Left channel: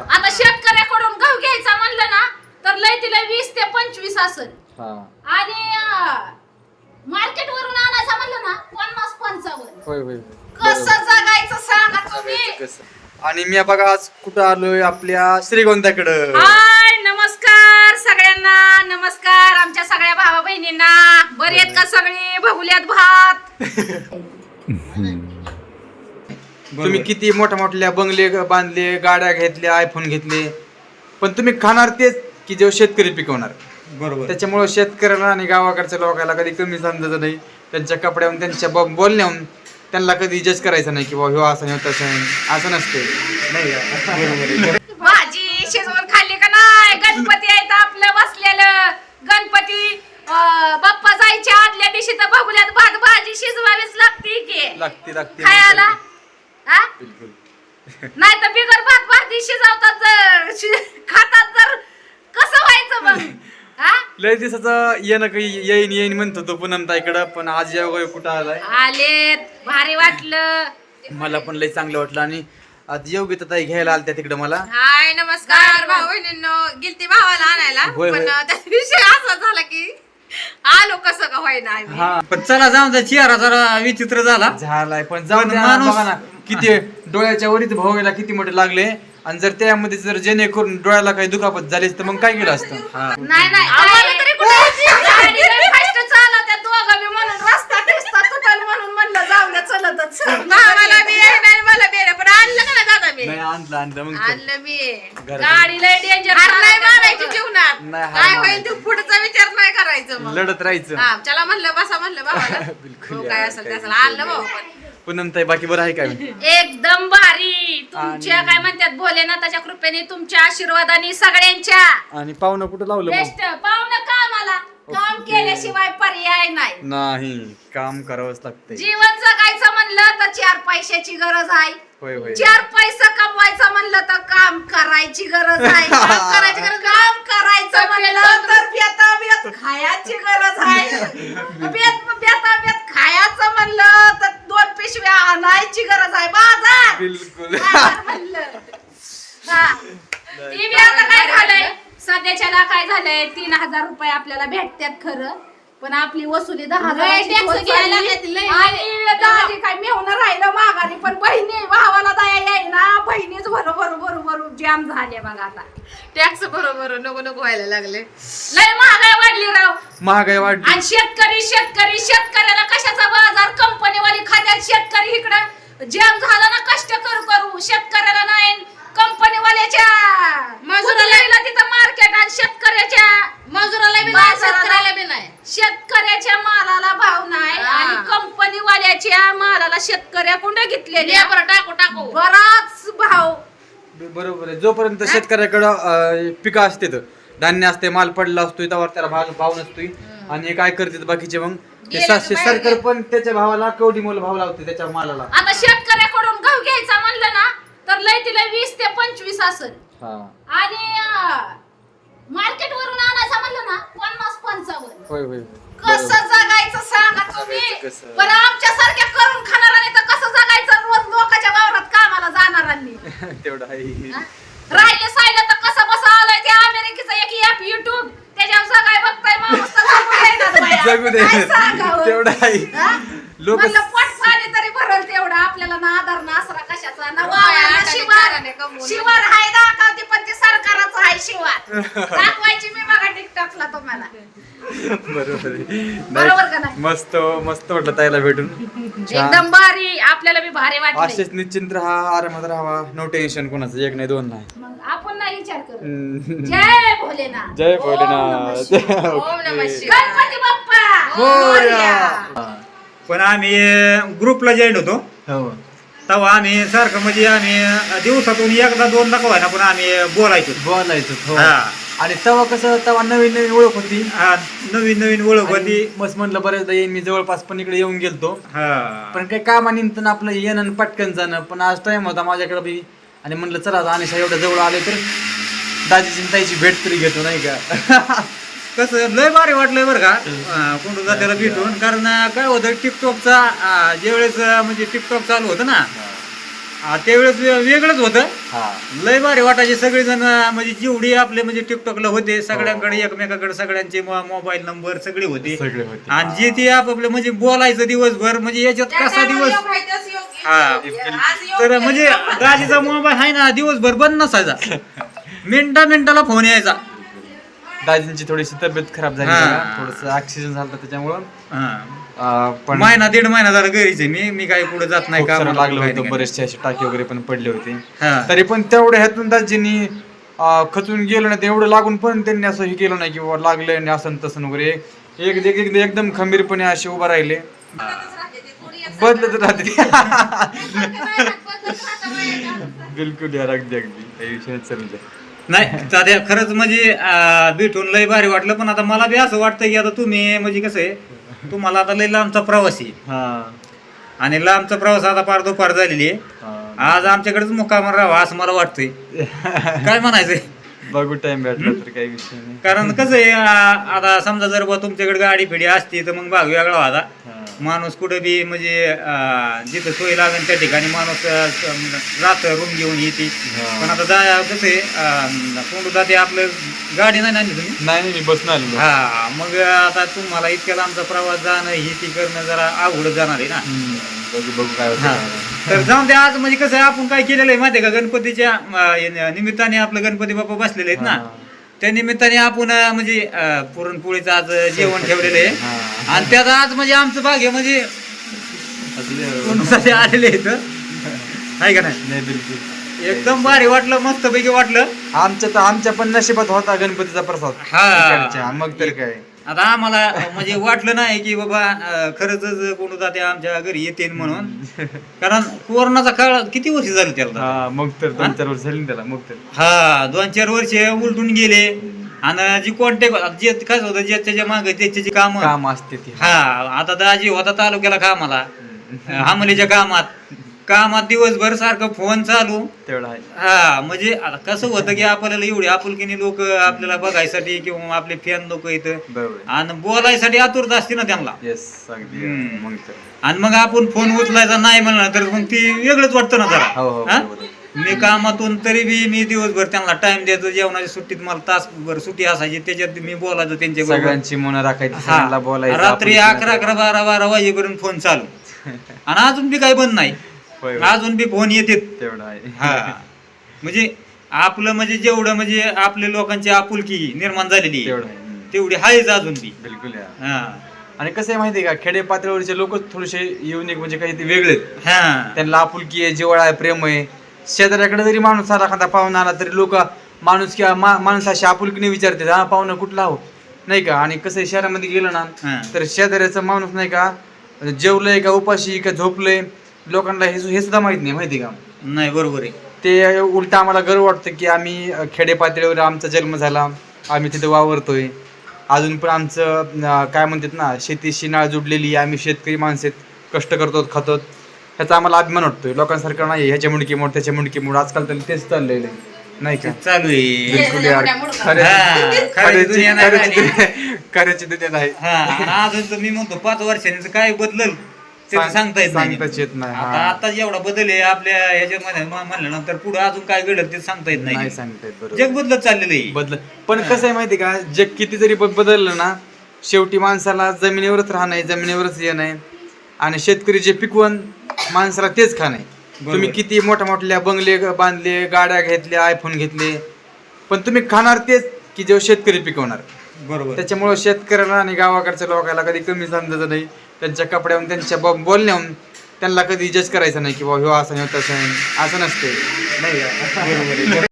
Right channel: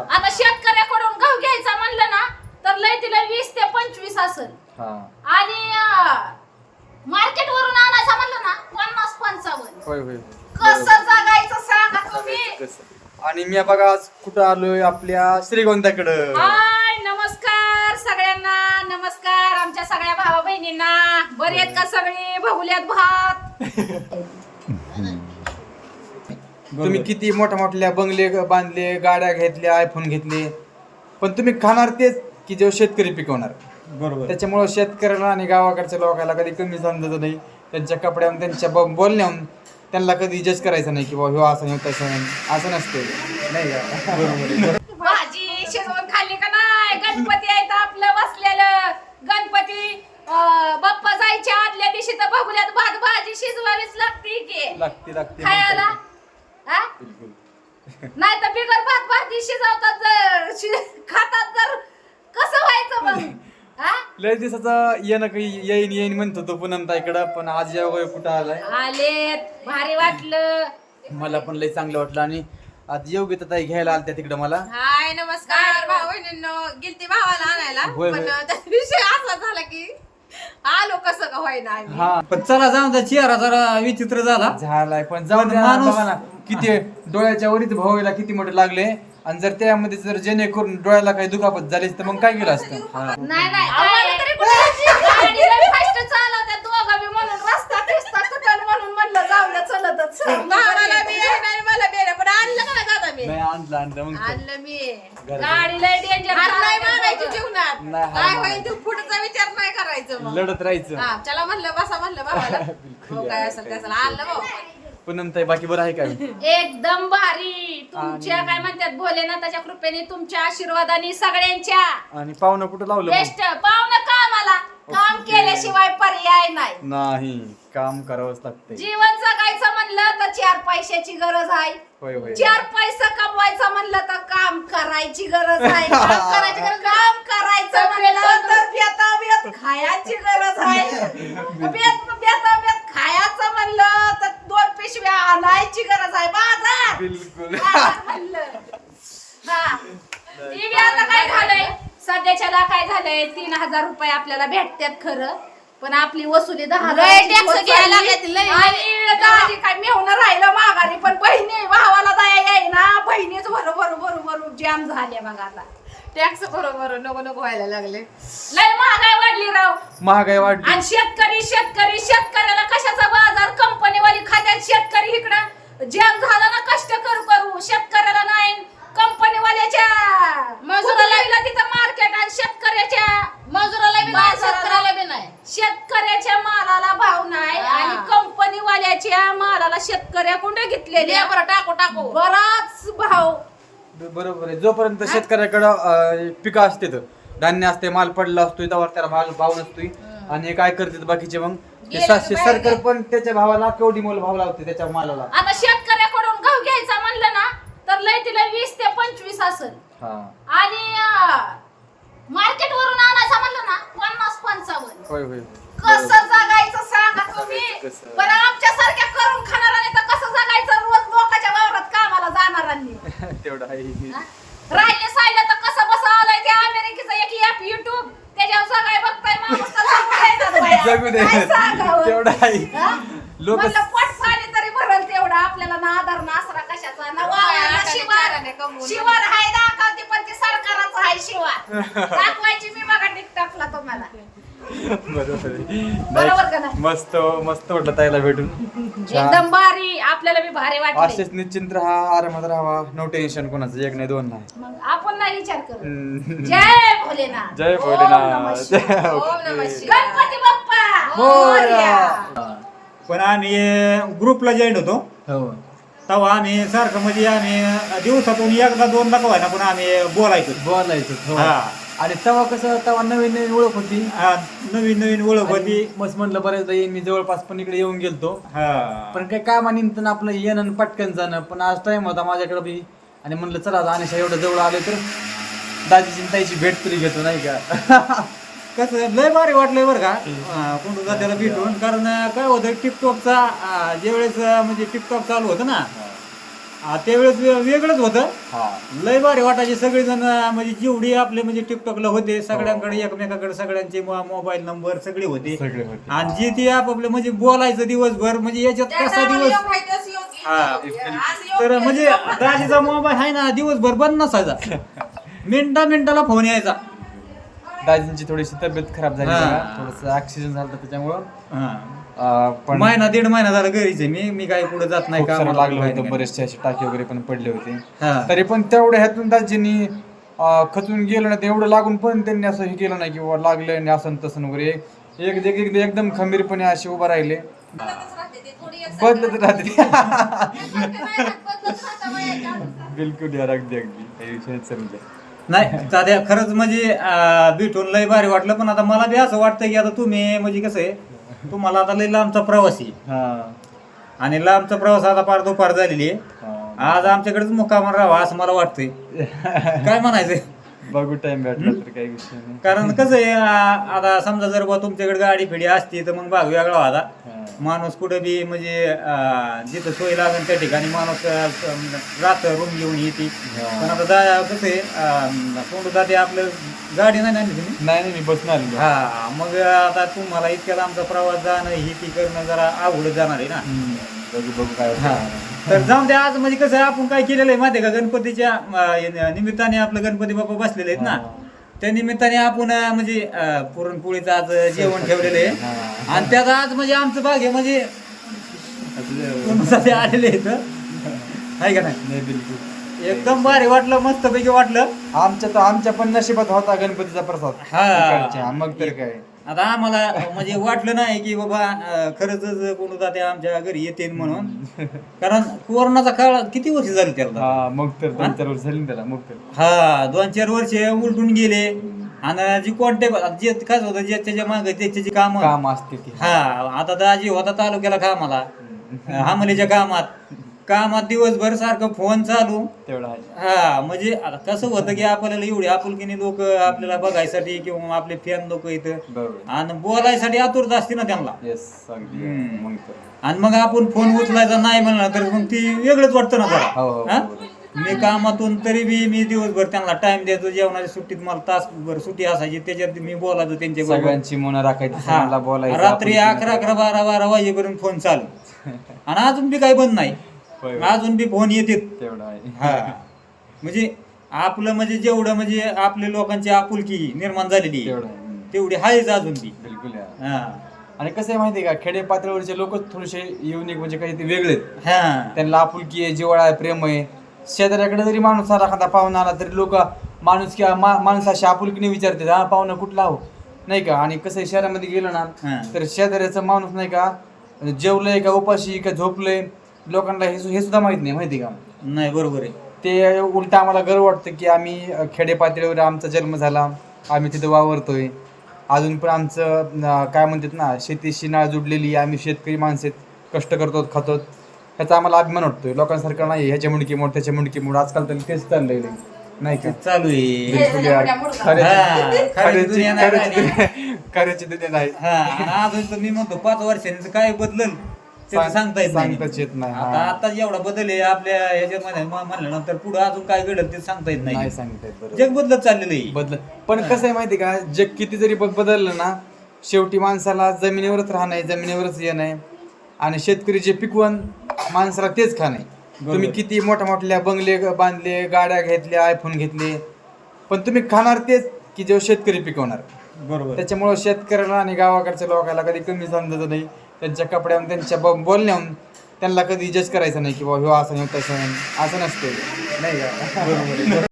चला आता शेतकऱ्याकडून गहू घ्यायचा म्हणलं ना तर लय तिला वीस ते पंचवीस असेल. हा. आणि मार्केट वरून आणायचा म्हणलं ना पन्नास पंचावन्न. होय होय. कसं जगायचं सांगा तुम्ही? आणि मी बघा आज कुठं आलोय आपल्या श्रीगोंद्याकडं. हाय नमस्कार सगळ्यांना. नमस्कार आमच्या सगळ्या भावा बहिणींना बरे आहेत का सगळे? बघुल्यात भात. तुम्ही किती मोठ्या मोठ्या बंगले बांधले गाड्या घेतल्या आयफोन घेतले. पण तुम्ही खाणार तेच की जे शेतकरी पिकवणार. बरोबर. त्याच्यामुळं शेतकऱ्याला आणि गावाकडच्या लोकांना कधी कमी समजायचं नाही. त्यांच्या कपड्याहून त्यांच्या ब- बोलण्याहून त्यांना कधी जज करायचं नाही की बाबा ह्यो असं नाही तसं नाही असं नसते नाही का? बरोबर. आहे. भाजी शिजवून खाल्ली का नाही? गणपती आहेत आपलं बसलेलं. गणपती अं, बाप्पा जायच्या आदल्या दिवशी तर बघुल्यात भात भाजी शिजवावीच लागते की. लागते लागते. खायला. हा? बिलकुल. नाही तर बिगर भात भाजी शिजवतात जर. शि- खातात जर. कसं व्हायचं मग? हा? लय दिवसाचं येणं काही येईन येईन म्हणतो तो पुन्हा इकडं पण आज या वगैरे कुठं आलाय? आलेत. भारी वाटलं. मला पण लय चांगलं वाटलं आणि आज योग्य ताई घ्यायला आलत्या तिकडं मला. हाय नमस्कार भाऊ बहिणींनो गेलती भावाला आणायला होय, पण होय. त्या विषय असा झाला की आलो कसं का होईना आम्ही? हा. पण चला जाऊन त्या चेहरा जरा विचित्र झाला. झालाय पण जाऊन पण द्या, माणूस- बघा ना किती डोळ्याच्या वरीत भावायला किती मोठे लागले. आणि जर त्यामध्ये जर जेणेकरून डोळ्याला काही दुखापत झाली तर मग काय केलं असतं? नाही नाही आम्हाला तरी म्हणलं जाऊ द्या चलतच मला. पण आणलं का ना दादा मी? नाही आणलं आणलं. मग तर. आणलं मी. घरात गाडी लय डेंजर हार नाही मारायची जीवनात. नाही, हार काय. होईल तू पुढचा विचार नाही करायचं मग. लढत राहायचं. हा चला म्हणलं बसा म्हणलं भावाला. बिलकुल हो काय असेल त्याचं आणलं भाऊ पण पुनम ताई बाकी बरं आहे काय एकदम भारी. तुमच्या काय म्हणतात भोलेनाथाच्या कृपेने तुमच्या आशीर्वादाने सगळ्यांच्या. आणि पाहुणं कुठं लावलं मग? बेस्ट पाहुणं कामाला काम. केल्याशिवाय पर्याय नाही. नाही काम करावंच लागतंय. जीवन जगायचं म्हणलं तर चार पैशाची गरज आहे. होय होय. चार पैसा कमवायचं म्हणलं तर काम करायची गरज आहे. काम करायची गरज काम करायचं म्हणलं तर बेता बेत खायची गरज आहे. बेत बेता बेत खायचं म्हणलं तर दोन पिशव्या आणायची गरज आहे. बाजार! बिलकुल. बाजार म्हणलं. हा. आता काय झालंय? सध्याच्याला काय झालंय? तीन हजार रुपये आपल्याला भेटतात खरं. पण आपली वसुली दहा लय हजाराची tax होत घ्यायला चालली. लागलेत, लय. आणि दाजी काय मेहून राहिलं माघारी पण बहिणी भावाला दया येईना बहिणीच भरू भरू भरू भरू जाम झाले बघा आता. टॅक्स बरोबर नको नको व्हायला लागले. लय महागाई वाढली राव. महागाई वाढली. आणि शेतकरी शेतकरी शेतकऱ्याला कशाचा बाजार? कंपनीवाली खात्यात शेतकरी इकडं. जाम झाला ना कष्ट करू करू शेतकऱ्याला नाही कंपनीवाल्याच्या मजुराला- कुठल्याला तिथं मार्केट आणि शेतकऱ्याच्या मजुराला बी नाही बाजाराला- शेतकऱ्याला बी नाही शेतकऱ्याच्या मालाला भाव नाही हा. आणि कंपनीवाल्याच्या घेतलेले लेबर टाकू टाकू. बराच भाव. बरोबर आहे. जोपर्यंत शेतकऱ्याकडं पिकं असते धान्य असते माल पडला असतोय त्यावर त्याला भाव भाव नसतोय. आणि काय करते बाकीचे मग? ते गेलं सातशे बाहेर सरकार गेलं. पण त्याच्या भावाला कवडी मोल भाव लावते त्याच्या मालाला. आता शेतकऱ्याकडून गहू घ्यायचा म्हणलं ना तर लय तिला वीस ते पंचवीस असेल. हा. आणि मार्केट वरून आणायचा म्हणलं ना पन्नास पंचावन्न. होय होय. कसं जगायचं सांगा तुम्ही. कसं? पण आमच्या सारख्या करून खाणाऱ्याने तर कसं जगायचं रोज लोकांच्या वावरात कामाला जाणाऱ्यांनी तेवढं आहे हा? राहिले सायला तर कसं बसं आलंय ते अमेरिकेचं एक ऍप युट्यूब त्याच्यावर सगळं बघताय माणूस तर जगू देईनात बाया. जगू दे काय सांगावं? तेवढं आहे हा? लोक म्हणलं पोट पाणी तरी भरल तेवढं आपल्याला ना आधार ना आसरा कशाचा ना बाया वावराला हाताने शिवार चाराने कमवून. शिवार हाय दाखवते पण ते सरकारच आहे शिवार दाखवायची मी बघा टिकटॉकला तुम्हाला बरोबर आहे. बरोबर का नाही, नाही? मस्त मस्त वाटलं ताईला भेटून. छान. एकदम भारी आपल्याला बी भारी वाटले असेच निश्चिंत राहा आरामात राहावा नो टेन्शन कोणाचं एक नाही दोन नाही. मग आपण नाही विचार करू. हम्म. जय भोलेनाथ. जय ओम नमः भोलेनाथ शिवाय. ओम नमः शिवाय. गणपती बाप्पा! मोरया. पण आम्ही ग्रुपला जॉईन होतो. हो. तेव्हा आम्ही सारखं म्हणजे आम्ही दिवसातून एकदा दोनदा का ना पण आम्ही बोलायचो. बोलायचं हो. हा. आणि तेव्हा कसं तेव्हा नवीन नवीन ओळख होती. हा, नवीन नवीन ओळख होती. आणि मस्त म्हणलं बऱ्याचदा येईन मी जवळपास पण इकडे येऊन गेलतो. हा. पण काही कामानिमित्त आपलं येणं आणि पटकन जाणं. पण आज टाइम होता माझ्याकडे बी. आणि म्हणलं चला आता अनिशा एवढं जवळ आले तर दाजीची आणि ताईची भेट तरी घेतो नाही का? कसं लय भारी वाटलंय बरं का? अं, कोंडू जात्याला भेटून. कारण अं, काय होतं टिकटॉकचा ज्यावेळेस अं, म्हणजे टिकटॉक चालू होतं ना आ, त्यावेळेस वे- वेगळंच होतं. हा. लय भारी वाटायचे सगळेजण अं, म्हणजे जेवढे आपले म्हणजे टिकटॉकला होते सगळ्यांकडे एकमेकाकडे सगळ्यांचे मो- मोबाईल नंबर सगळे होते. सगळे होते. आणि जे ते आपापले म्हणजे बोलायचं दिवसभर म्हणजे याच्यात कसा दिवस हा. तर म्हणजे दाजीचा मोबाईल आहे ना दिवसभर बंद नसायचा. मिनटा मिनिटाला फोन यायचा. दाजींची थोडीशी तब्येत खराब झाली हा. थोडस ऑक्सिजन झालं त्याच्यामुळं. हा. अं, पण महिना दीड महिना झाला घरीच आहे मी. मी काही पुढे जात नाही खूप का सारं लागलं होतं बरेचसे असे टाके वगैरे पण पडले होते. हा. तरी पण तेवढ्या ह्यातून दाजींनी अं, खचून गेलं नाही तेवढं लागून पण त्यांनी असं हे केलं नाही की बाबा लागलं आणि असं आणि तसं वगैरे. एक एक- एक- एकदम खंबीरपणे असे उभा राहिले. बदलत राहते बिलकुल यार अगदी अगदी. काही विषय समजा नाही खरंच म्हणजे अं, भेटून लय भारी वाटलं पण आता मला बी असं वाटतं की आता तुम्ही म्हणजे कसं आहे तुम्हाला आता लय लांबचा प्रवास आहे. हा. आणि लांबचा प्रवास आता पार दुपार झालेली आहे. हा. आज आमच्याकडेच मुक्कामार राहावा असं मला वाटतंय. काय म्हणायचंय? बघू टाइम भेटला तर काही विषय नाही. कारण कसं आहे आ- आता समजा जर बा तुमच्याकडे गाडी फिडी असती तर मग भाग वेगळा होता हा. माणूस कुठं बी म्हणजे अं, जिथं सोय लागेल त्या ठिकाणी माणूस राहत रूम घेऊन येते हा. पण आता जा कसं आहे कोण जाते आपलं गाडी नाही ना आणली तुम्ही नाही नाही मी बसून आलेलो हा मग आता तुम्हाला इतक्या लांबचा प्रवास जाणं ही ती करणं जरा अवघड जाणार आहे ना हम्म. बघू बघू काय हा. तर जाऊन दे आज म्हणजे कसं आहे, आपण काय केलेलं आहे माहिती आहे का गणपतीच्या अं, निमित्ताने आपलं गणपती बाप्पा बसलेले आहेत ना हा. त्या निमित्ताने आपण अं, म्हणजे अं, पुरणपोळीचं आज जेवण ठेवलेलं आहे. आणि त्यात आज म्हणजे आमचं भाग्य म्हणजे. कोणासाठी आलेले आहेत आहे का नाही? नाही बिलकुल. एकदम भारी वाटलं मस्त पैकी वाटलं. आमच्या तर आमच्या पण नशिबात होता गणपतीचा प्रसाद. हा. मग तर काय. आता आम्हाला म्हणजे वाटलं नाही की बाबा अं, खरंच कोण जाते आमच्या घरी येते म्हणून. कारण कोरोनाचा काळ किती वर्ष झालं त्याला? हा मग तर दोन चार वर्ष झाली ना त्याला मग तर. हा दोन चार वर्ष उलटून गेले. आणि जी कॉन्टॅक्ट जे काय होतं जे त्याच्यामागे त्याचे जे काम. काम असते ती. हा आता दाजी होता तालुक्याला कामाला. हामलीच्या कामात. कामात दिवसभर सारखं फोन चालू. तेवढा आहे. हा म्हणजे आता कसं होतं की आपल्याला एवढी आपुलकीने लोक आपल्याला बघायसाठी किंवा आपले फॅन लोक इथं बरोबर. आणि बोलायसाठी आतुरता असते ना त्यांना. येस अगदी. हम्म. मग तर. आणि मग आपण फोन उचलायचा नाही म्हणलं तर मग ती वेगळंच वाटतं ना हो, जरा. हो, हा? बरोबर आहे. मी कामातून तरी बी मी दिवसभर त्यांना टाइम द्यायचो जेवणाच्या सुट्टीत मला तासभर सुट्टी असायची त्याच्यात मी बोलायचो त्यांच्या सगळ्यांची मन राखायची सगळ्यांना बोलायचं रात्री आपण अकरा अकरा बारा बारा वाजेपर्यंत फोन चालू. आणि अजून बी काही बंद नाही. होय, होय. अजून बी फोन येतात. तेवढा आहे. हा. म्हणजे आपलं म्हणजे जेवढं म्हणजे आपल्या लोकांची आपुलकी निर्माण झालेली तेवढा आहे. हम्म. तेवढी आहेच अजून बी. बिलकुल यार हा. आणि कसं आहे माहितीये का खेडे पातळीवरचे लोक थोडेसे युनिक म्हणजे काही ते वेगळे आहेत. हा. त्यांना आपुलकी आहे जिव्हाळा आहे प्रेम आहे. शेजाऱ्याकडे जरी माणूस आला एखादा पाहुणा आला तरी लोक माणूस किंवा मा माणसाशी आपुलकीने विचारतात हा पाहुणा कुठला हो नाही का? आणि कसं आहे शहरामध्ये गेलं ना हा. तर शेजाऱ्याचा माणूस नाही का जेवलंय का उपाशी का झोपलंय लोकांना हे हे सुद्धा माहीत नाही माहिती का? नाही बरोबर आहे. ते उलट आम्हाला गर्व वाटतं की आम्ही खेडे पातळीवर आमचा जन्म झाला. आम्ही तिथं वावरतोय. अजून पण आमचं काय म्हणतात ना शेतीशी नाळ जुडलेली आम्ही शेतकरी माणसं कष्ट करतो खातो ह्याचा आम्हाला अभिमान वाटतोय. लोकांसारखं नाही ह्याच्या मुंडकी मोड त्याच्या मुंडकी मोड. आजकाल तर तेच चाललेलं आहे नाही का? चालू आहे. बिलकुल यार. हा, खऱ्याची दुनिया नाही हा अजून तर मी म्हणतो पाच वर्षांनी तर काय बदलल? सांग- सांगता येत नाही. सांगताच येत नाही, आता हा. आता जेवढा बदल आहे आपल्या ह्याच्यामध्ये म- म्हणल्यानंतर पुढे अजून काय घडल ते सांगता येत नाही. नाही सांगता येत बरोबर. जग बदलत चाललेलं आहे. बदल पण कसं आहे माहिती का? जग किती जरी ब- बदललं ना शेवटी माणसाला जमिनीवरच राहणं आहे जमिनीवरच येणं आहे. आणि शेतकरी जे पिकवण माणसाला तेच खाणं आहे. बरोबर. तुम्ही किती मोठ्या मोठ्या बंगले ग- बांधले गाड्या घेतल्या आयफोन घेतले पण तुम्ही खाणार तेच की जे शेतकरी पिकवणार. बरोबर. त्याच्यामुळं शेतकऱ्याला आणि गावाकडच्या लोकांना कधी कमी समजायचं नाही त्यांच्या कपड्याहून त्यांच्या ब- बोलण्याहून त्यांना कधी जज करायचं नाही की बाबा ह्यो असं नाही तसं आहे. असं नसते नाही का? बरोबर आहे.